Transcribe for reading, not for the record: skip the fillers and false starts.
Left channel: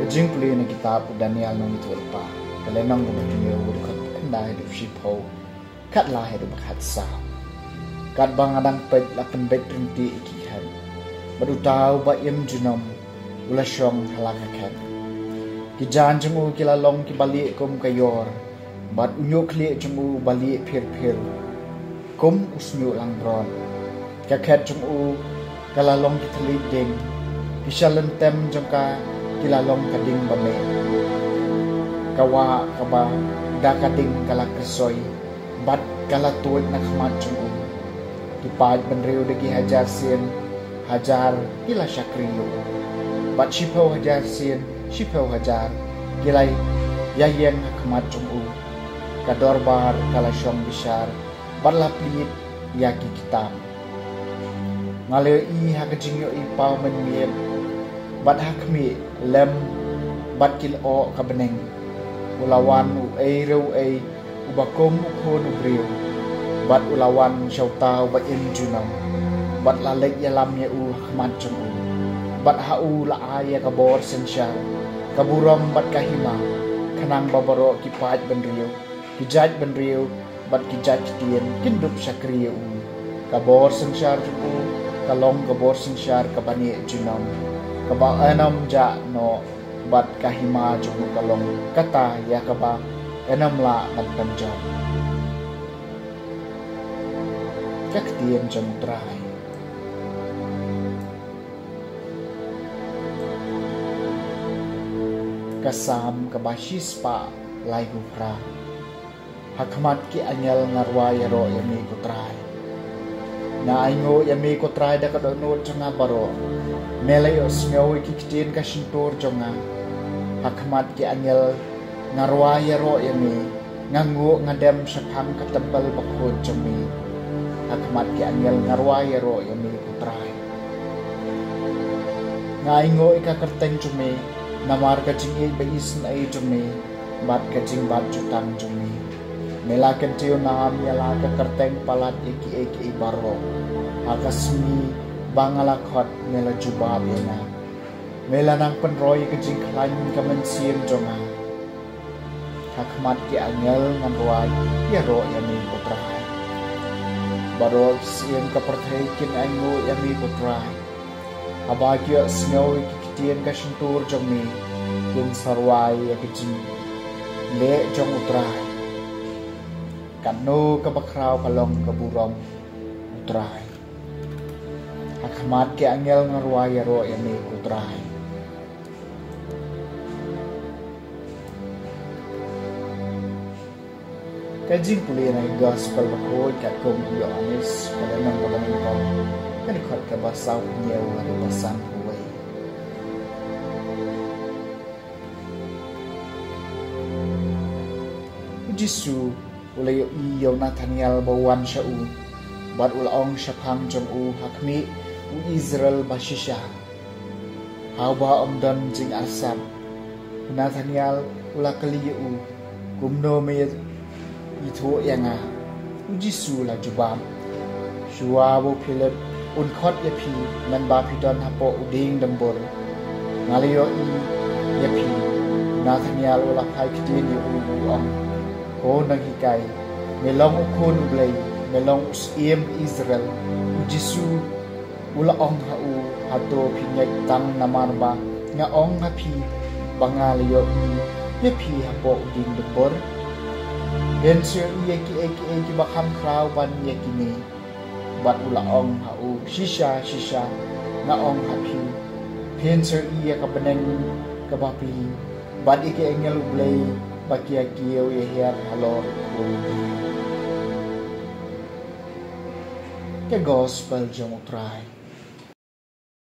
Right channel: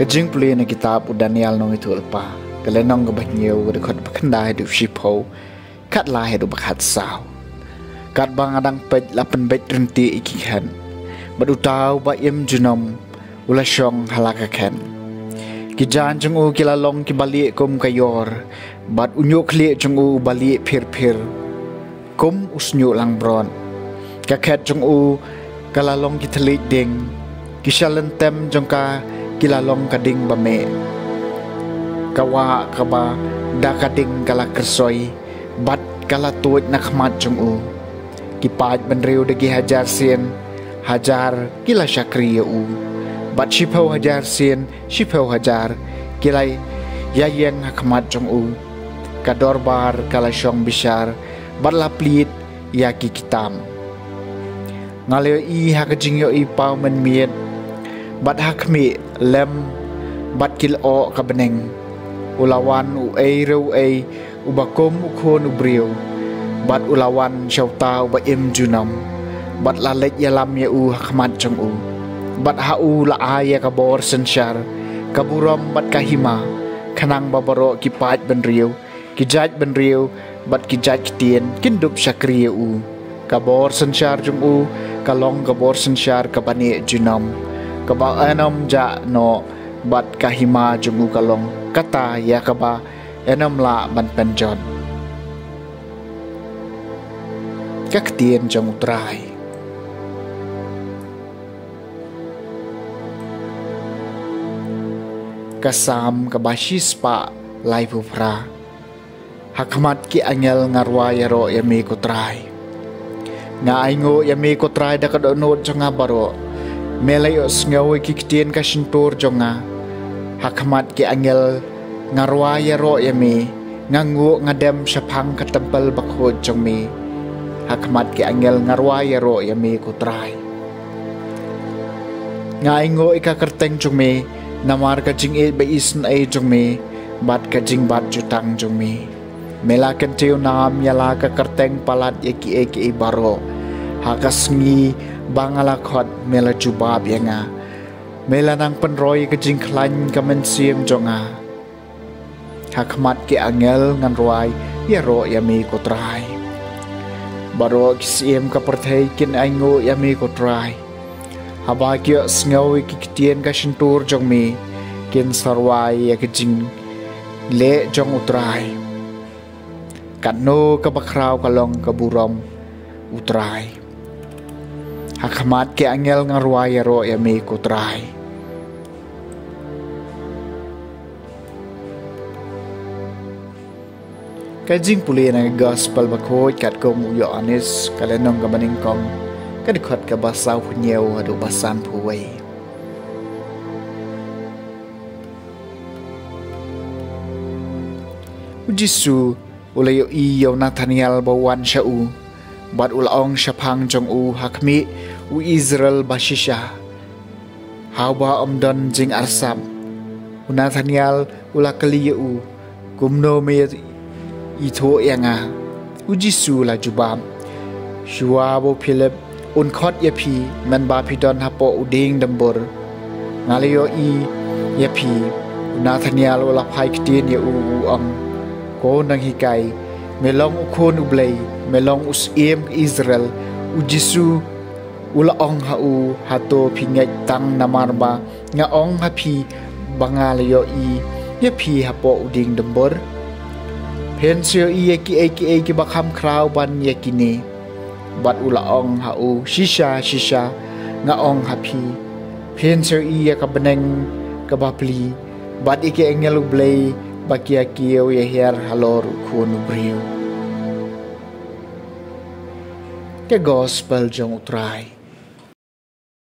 Kajing puli na kitab u Daniel nong itu alpa kalenong gabat nyew dekot pakanda hidup shipau kat lah hidup bakat saw kat bang adang pej lapan bet renti ikikan badutau ba yem junom ula syong halakakan kijan jeng u kilalong kibalik kum kayor bat unyu kli jeng u balik pir kum usnyu lang bron kaket jeng u kalalong kitalik ding kisalentem jeng ka kilalong kading bame kawa kaba da kading kala kersoy bat kala tuit nakmat jong u kipad benriu degi hajar sien hajar kila syakri u bat shipau hajar sien shipau hajar kilai yayeng hakmat jong u kador bar kala syong bishar bat laplit yaki kitam ngaleo i hakajing yo i pau men miet bat hakmi lem bat kil o kabeneng ulawan u ei ubakom ukon ubriu bat ulawan syauta ba im junam bat lalek yalam ya u hakmat jong u bat hau la aya kabor sensyar kaburam bat kahima kanang babaro kipat benriu kijaj benriu bat kijaj kitien kindup syakri u kabor sensyar jong u kalom kabor sensyar kabane junam kaba enam ja no bat kahima jungu kalong kata ya kaba enam la ban penjon kaktien jong trai kasam kabashis pa lai pupra hakmat ki angel ngarwa yaro yami ko trai nga aingo yami ko trai da kadono jonga baro melayos ngawi kiktien kasintur jonga hakmat ki angel ngarwa yaro yami ngangu ngadem syapang katempel bakhod jongmi hakmat ki angel ngarwa yaro yami kutrai ngaingo ika kerteng jongmi namar kajing e baisen ai jongmi bat kajing bat jutang jongmi mela kentiu nam yala ka kerteng palat eki baro hakasngi bangalakot mela jubab yanga mela nang penroy kejing klan kamen siem jonga hakmat ki angel ngan ruai yaro yami kotrai baro kisiem ka perthai kin aingo yami kotrai habagyo sngawi ki kitien ka shintur jongmi kin sarwai ya kejing le jong utrai kanno ka bakraw kalong kaburom utrai hakmat ki angel ngarwa yaro yami kutrai kajing puli na gospel bakhoy kat kong Yohanes kalenong kabaning kong kadikot ka basaw punyew adu basan puway Jisu ulayo iyo Nathaniel bawan syau bat ulaong syapang jong u hakmi u Israel bashisha hawa omdon jing arsam u Nathaniel ula kaliya u gumno me ito yanga u Jisu la jubam shua bo Philip un khot yapi man ba pidon hapo uding dambur ngaliyo i yapi Nathaniel ula phai ktin ya u ang ko nang hikai melong ukon ublay melong usiem Israel u Jisu ula ong hau hato pingay tang namarba nga ong hapi bangalayo i yapi hapo uding dembor hensyo i eki bakam kraw ban yakini bat ula ong hau shisha nga ong hapi phen ser iya ka beneng ka bapli bat ike engelu blay bakia kiyo ya her halor kun brio ke gospel jong utrai